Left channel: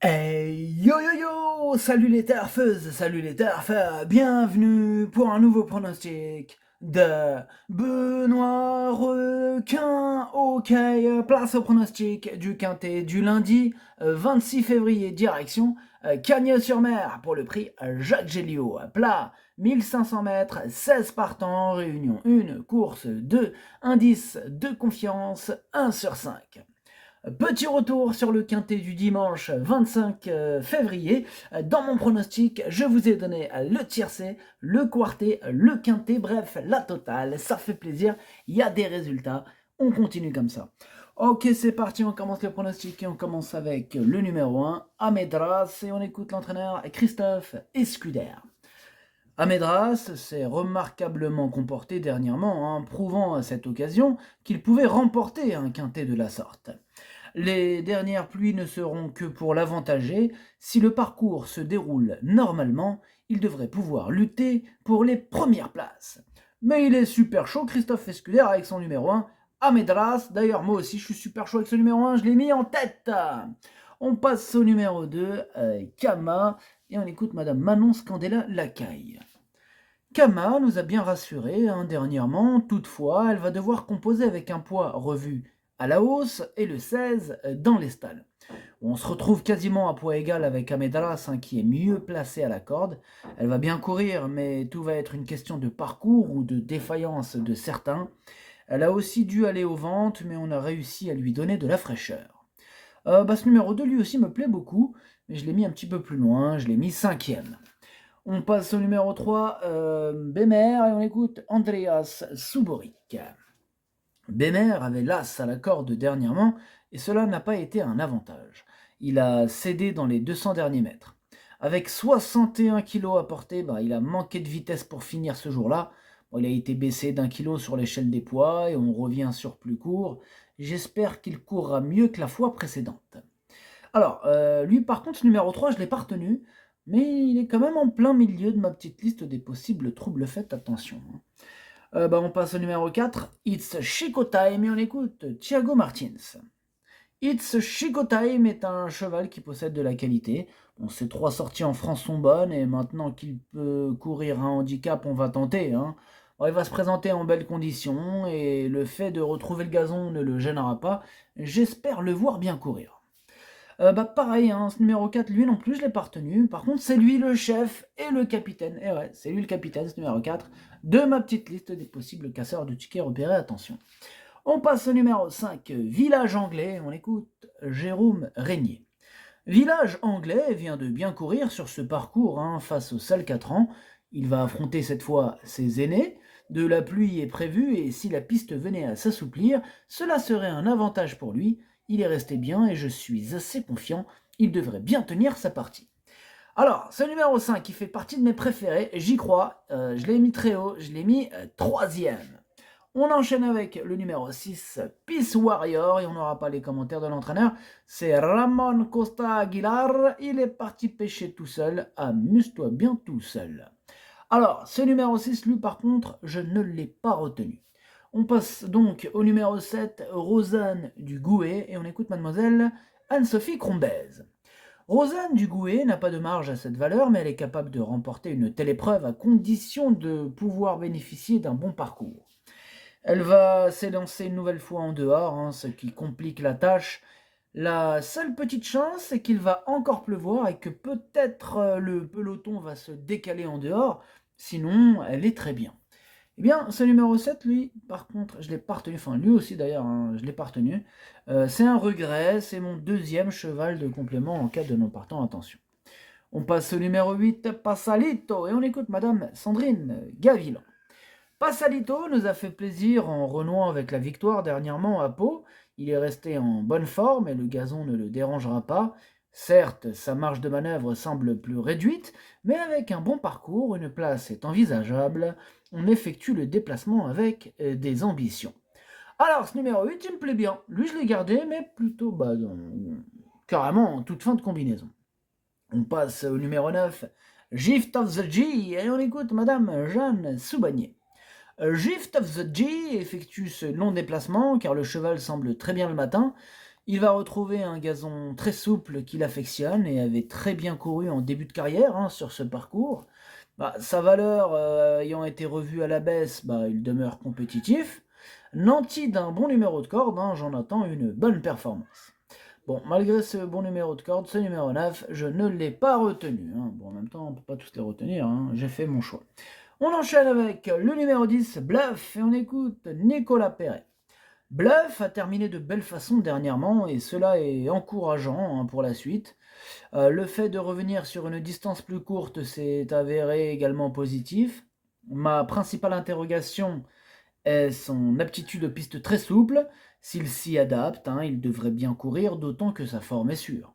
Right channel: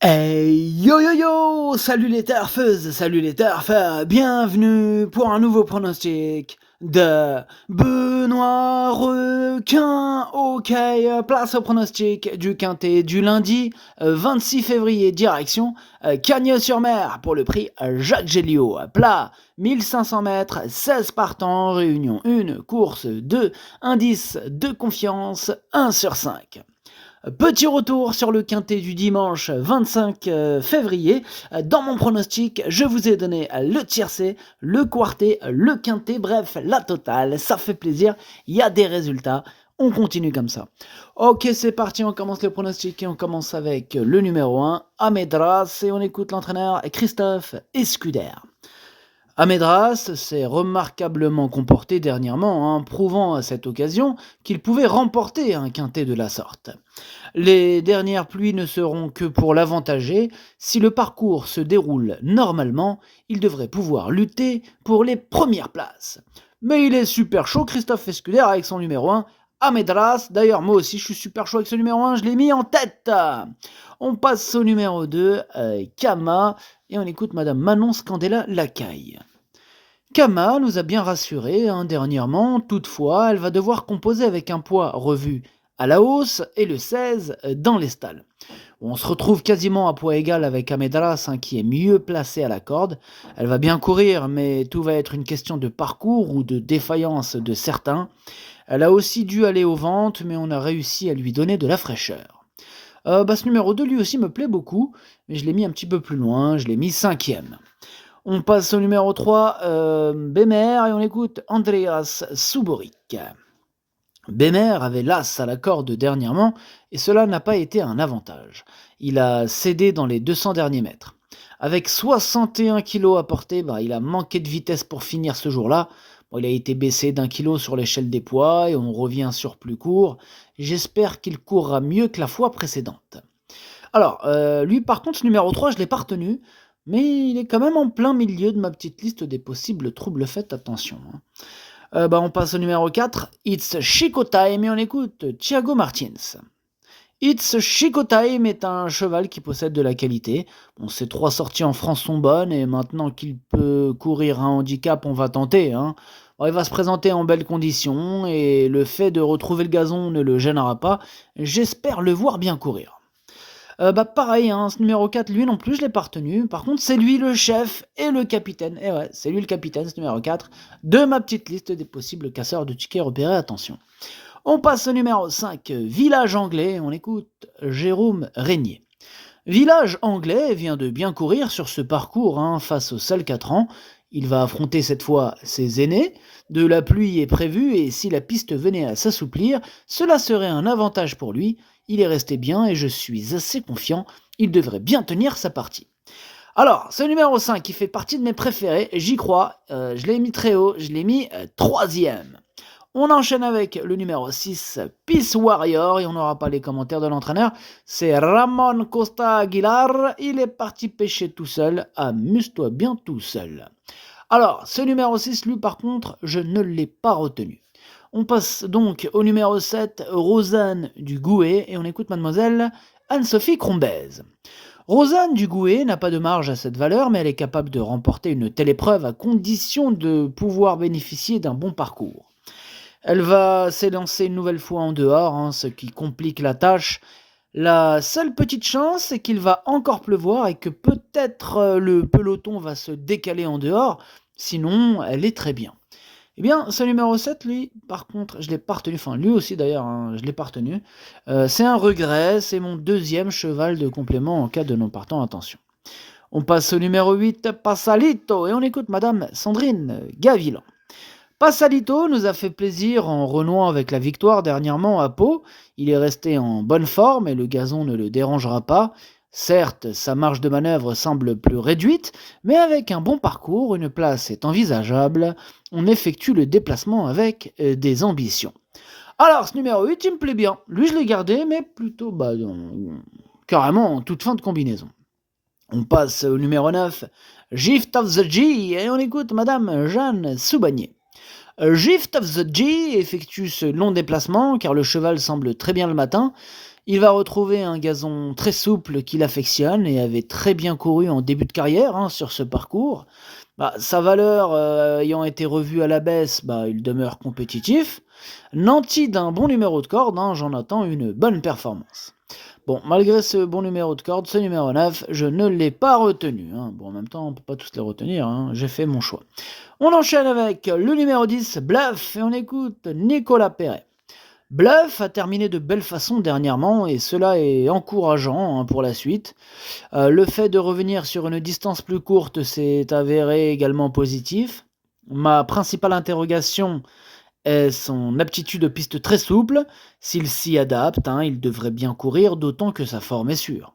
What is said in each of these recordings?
Hey yo yo yo! Salut les turfeuses, salut les turfeurs, bienvenue pour un nouveau pronostic de Benoît Requin. Ok, place au pronostic du quintet du lundi 26 février, direction Cagnes-sur-Mer pour le prix Jacques Géliot. Plat 1500 mètres, 16 partants, réunion 1, course 2, indice de confiance 1 sur 5. Petit retour sur le quintet du dimanche 25 février. Dans mon pronostic, je vous ai donné le tiercé, le quartet, le quintet, bref, la totale. Ça fait plaisir, il y a des résultats. On continue comme ça. Ok, c'est parti, on commence le pronostic et on commence avec le numéro 1, Amedras, et on écoute l'entraîneur Christophe Escuder. Amedras s'est remarquablement comporté dernièrement, prouvant à cette occasion qu'il pouvait remporter un quintet de la sorte. Les dernières pluies ne seront que pour l'avantager. Si le parcours se déroule normalement, il devrait pouvoir lutter pour les premières places. Mais il est super chaud, Christophe Escuder, avec son numéro 1, Amedras. D'ailleurs, moi aussi, je suis super chaud avec ce numéro 1, je l'ai mis en tête. On passe au numéro 2, Kama, et on écoute Madame Manon Scandella Lacaille. Kama nous a bien rassurés dernièrement, toutefois, elle va devoir composer avec un poids revu à la hausse et le 16 dans les stalles. On se retrouve quasiment à poids égal avec Amedras qui est mieux placé à la corde. Elle va bien courir, mais tout va être une question de parcours ou de défaillance de certains. Elle a aussi dû aller aux ventes, mais on a réussi à lui donner de la fraîcheur. Ce numéro 2 lui aussi me plaît beaucoup, mais je l'ai mis un petit peu plus loin, je l'ai mis 5e. On passe au numéro 3, Bemer, et on écoute Andreas Suboric. Bemer avait l'as à la corde dernièrement, et cela n'a pas été un avantage. Il a cédé dans les 200 derniers mètres. Avec 61 kg à porter, il a manqué de vitesse pour finir ce jour-là. Il a été baissé d'1 kilo sur l'échelle des poids, et on revient sur plus court. J'espère qu'il courra mieux que la fois précédente. Alors, lui par contre, ce numéro 3, je ne l'ai pas retenu, mais il est quand même en plein milieu de ma petite liste des possibles troubles faits, attention. On passe au numéro 4, It's Chico Time, et on écoute Thiago Martins. It's Chico Time est un cheval qui possède de la qualité. Ses 3 sorties en France sont bonnes, et maintenant qu'il peut courir un handicap, on va tenter. Il va se présenter en belles conditions, et le fait de retrouver le gazon ne le gênera pas. J'espère le voir bien courir. Pareil, ce numéro 4, lui non plus, je l'ai pas retenu. Par contre, c'est lui le chef et le capitaine. Et ouais, c'est lui le capitaine, ce numéro 4, de ma petite liste des possibles casseurs de tickets repérés. Attention. On passe au numéro 5, Village Anglais. On écoute Jérôme Régnier. Village Anglais vient de bien courir sur ce parcours face au seul 4 ans. Il va affronter cette fois ses aînés. De la pluie est prévue et si la piste venait à s'assouplir, cela serait un avantage pour lui. Il est resté bien et je suis assez confiant, il devrait bien tenir sa partie. Alors, ce numéro 5 qui fait partie de mes préférés, j'y crois, je l'ai mis très haut, je l'ai mis 3e. On enchaîne avec le numéro 6, Peace Warrior, et on n'aura pas les commentaires de l'entraîneur, c'est Ramon Costa Aguilar, il est parti pêcher tout seul, amuse-toi bien tout seul. Alors, ce numéro 6, lui par contre, je ne l'ai pas retenu. On passe donc au numéro 7, Rosanne du Gouet, et on écoute mademoiselle Anne-Sophie Crombez. Rosanne du Gouet n'a pas de marge à cette valeur, mais elle est capable de remporter une telle épreuve à condition de pouvoir bénéficier d'un bon parcours. Elle va s'élancer une nouvelle fois en dehors, ce qui complique la tâche. La seule petite chance, c'est qu'il va encore pleuvoir et que peut-être le peloton va se décaler en dehors, sinon elle est très bien. Eh bien, ce numéro 7, lui, par contre, je l'ai pas retenu, enfin lui aussi d'ailleurs, je l'ai pas retenu. C'est un regret, c'est mon 2e cheval de complément en cas de non partant, attention. On passe au numéro 8, Passalito, et on écoute Madame Sandrine Gavilan. Passalito nous a fait plaisir en renouant avec la victoire dernièrement à Pau. Il est resté en bonne forme et le gazon ne le dérangera pas. Certes, sa marge de manœuvre semble plus réduite, mais avec un bon parcours, une place est envisageable. On effectue le déplacement avec des ambitions. Alors, ce numéro 8, il me plaît bien. Lui, je l'ai gardé, mais plutôt carrément en toute fin de combinaison. On passe au numéro 9, Gift of the G, et on écoute Madame Jeanne Soubagnier. Gift of the G effectue ce long déplacement car le cheval semble très bien le matin. Il va retrouver un gazon très souple qu'il affectionne et avait très bien couru en début de carrière sur ce parcours. Sa valeur ayant été revue à la baisse, il demeure compétitif. Nanti d'un bon numéro de corde, j'en attends une bonne performance. Bon, malgré ce bon numéro de corde, ce numéro 9, je ne l'ai pas retenu. Bon, en même temps, on ne peut pas tous les retenir, j'ai fait mon choix. On enchaîne avec le numéro 10, Bluff, et on écoute Nicolas Perret. Bluff a terminé de belle façon dernièrement, et cela est encourageant pour la suite. Le fait de revenir sur une distance plus courte s'est avéré également positif. Ma principale interrogation est son aptitude aux pistes très souples. S'il s'y adapte, il devrait bien courir, d'autant que sa forme est sûre.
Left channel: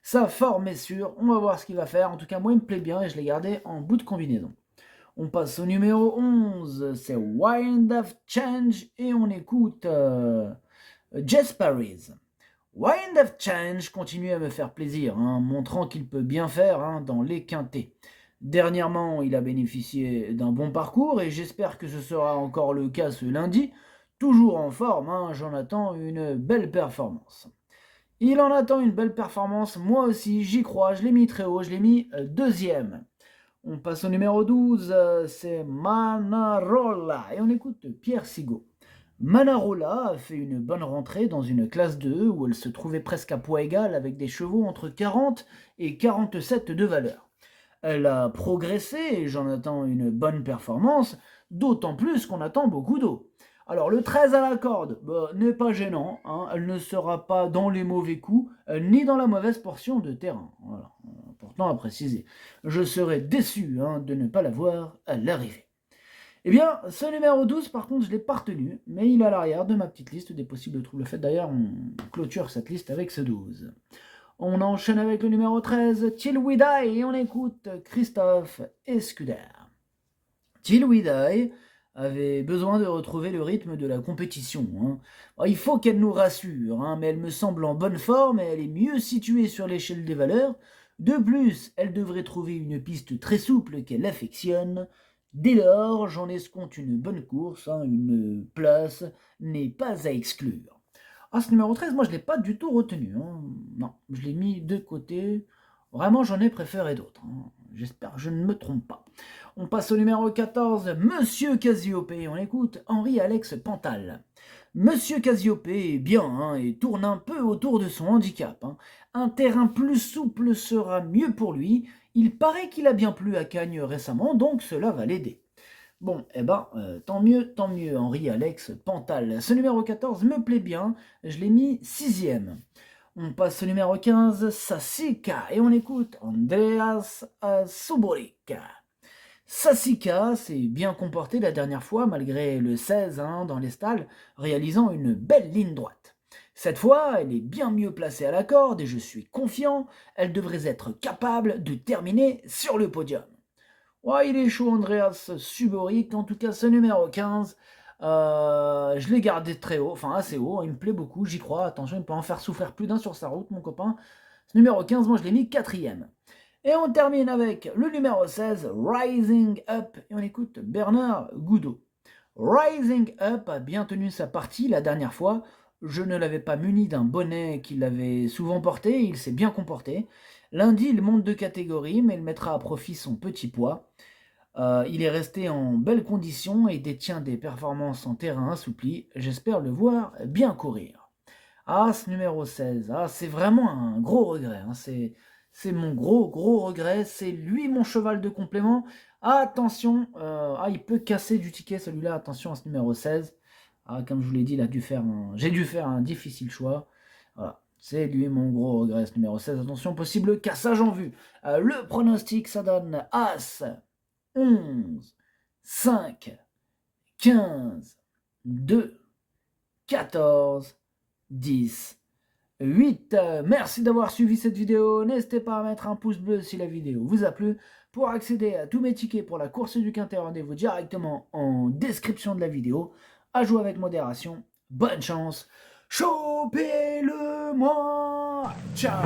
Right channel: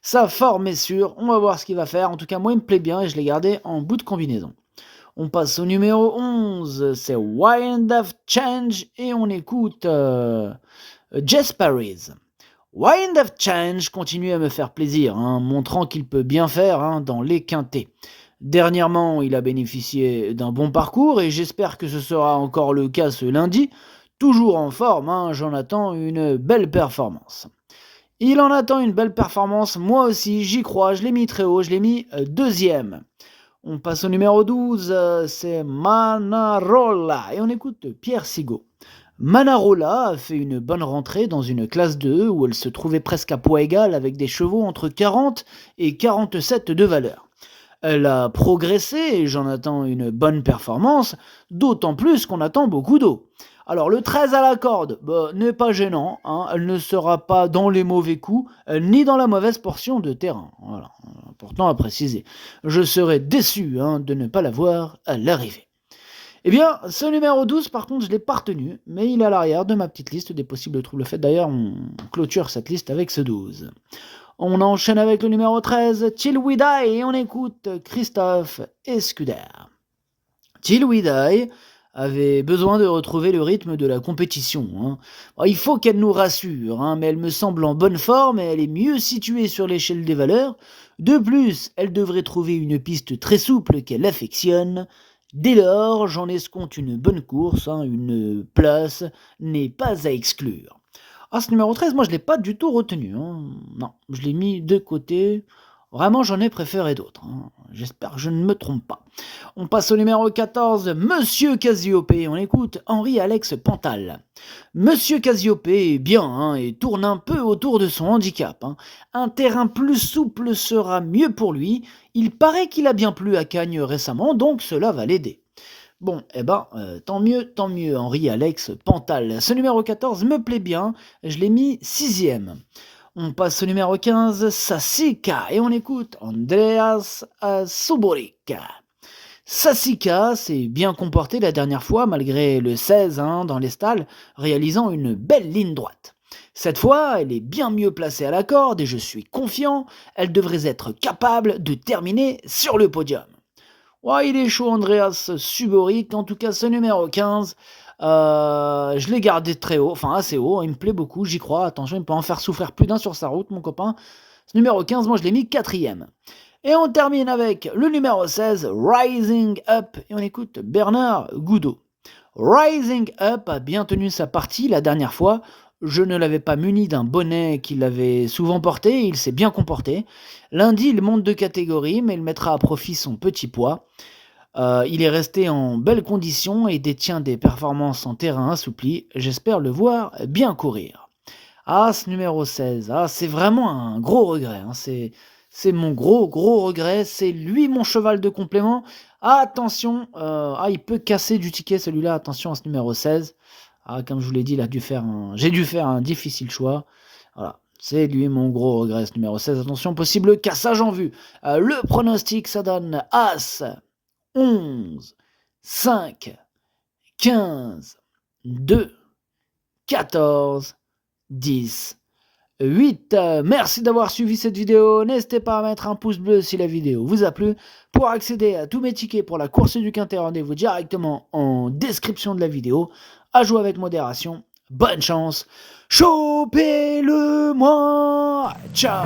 Sa forme est sûre, on va voir ce qu'il va faire. En tout cas, moi, il me plaît bien et je l'ai gardé en bout de combinaison. On passe au numéro 11, c'est Wind of Change et on écoute Jess Paris. Wind of Change continue à me faire plaisir, montrant qu'il peut bien faire dans les quintés. Dernièrement, il a bénéficié d'un bon parcours et j'espère que ce sera encore le cas ce lundi. Toujours en forme, j'en attends une belle performance. Il en attend une belle performance, moi aussi, j'y crois, je l'ai mis très haut, je l'ai mis deuxième. On passe au numéro 12, c'est Manarola et on écoute Pierre Sigaud. Manarola a fait une bonne rentrée dans une classe 2 où elle se trouvait presque à poids égal avec des chevaux entre 40 et 47 de valeur. Elle a progressé et j'en attends une bonne performance, d'autant plus qu'on attend beaucoup d'eau. Alors le 13 à la corde n'est pas gênant, elle ne sera pas dans les mauvais coups, ni dans la mauvaise portion de terrain. Voilà, important à préciser. Je serais déçu de ne pas la voir à l'arrivée. Eh bien, ce numéro 12, par contre, je ne l'ai pas retenu, mais il est à l'arrière de ma petite liste des possibles troubles faits. D'ailleurs, on clôture cette liste avec ce 12. On enchaîne avec le numéro 13, Till We Die, et on écoute Christophe Escuder. Till We Die avait besoin de retrouver le rythme de la compétition. Il faut qu'elle nous rassure, mais elle me semble en bonne forme et elle est mieux située sur l'échelle des valeurs. De plus, elle devrait trouver une piste très souple qu'elle affectionne. Dès lors, j'en escompte une bonne course, une place n'est pas à exclure. Ce numéro 13, moi je ne l'ai pas du tout retenu. Non, je l'ai mis de côté. Vraiment, j'en ai préféré d'autres. J'espère que je ne me trompe pas. On passe au numéro 14, Monsieur Cassiopée. On écoute Henri-Alex Pantal. Monsieur Cassiopée est bien et tourne un peu autour de son handicap. Un terrain plus souple sera mieux pour lui. Il paraît qu'il a bien plu à Cagnes récemment, donc cela va l'aider. Bon, tant mieux, Henri-Alex Pantal. Ce numéro 14 me plaît bien, je l'ai mis 6e. On passe au numéro 15, Sassica, et on écoute Andreas Suborik. Sassica s'est bien comporté la dernière fois, malgré le 16 dans les stalles, réalisant une belle ligne droite. Cette fois, elle est bien mieux placée à la corde et je suis confiant, elle devrait être capable de terminer sur le podium. Ouais, il est chaud, Andreas Suborik. En tout cas, ce numéro 15, je l'ai gardé très haut, enfin assez haut. Il me plaît beaucoup, j'y crois. Attention, il peut en faire souffrir plus d'un sur sa route, mon copain. Ce numéro 15, moi, je l'ai mis 4e. Et on termine avec le numéro 16, Rising Up. Et on écoute Bernard Goudot. Rising Up a bien tenu sa partie la dernière fois. Je ne l'avais pas muni d'un bonnet qu'il avait souvent porté, il s'est bien comporté. Lundi, il monte de catégorie, mais il mettra à profit son petit poids. Il est resté en belle condition et détient des performances en terrain assoupli. J'espère le voir bien courir. Ce numéro 16, c'est vraiment un gros regret. C'est mon gros regret. C'est lui mon cheval de complément. Attention, il peut casser du ticket celui-là. Attention à ce numéro 16. Comme je vous l'ai dit, j'ai dû faire un difficile choix. Voilà, c'est lui mon gros regret, ce numéro 16. Attention, possible cassage en vue. Le pronostic, ça donne As, 11, 5, 15, 2, 14, 10, 8. Merci d'avoir suivi cette vidéo. N'hésitez pas à mettre un pouce bleu si la vidéo vous a plu. Pour accéder à tous mes tickets pour la course du Quintet, rendez-vous directement en description de la vidéo. À jouer avec modération. Bonne chance. Chopez-le moi. Ciao.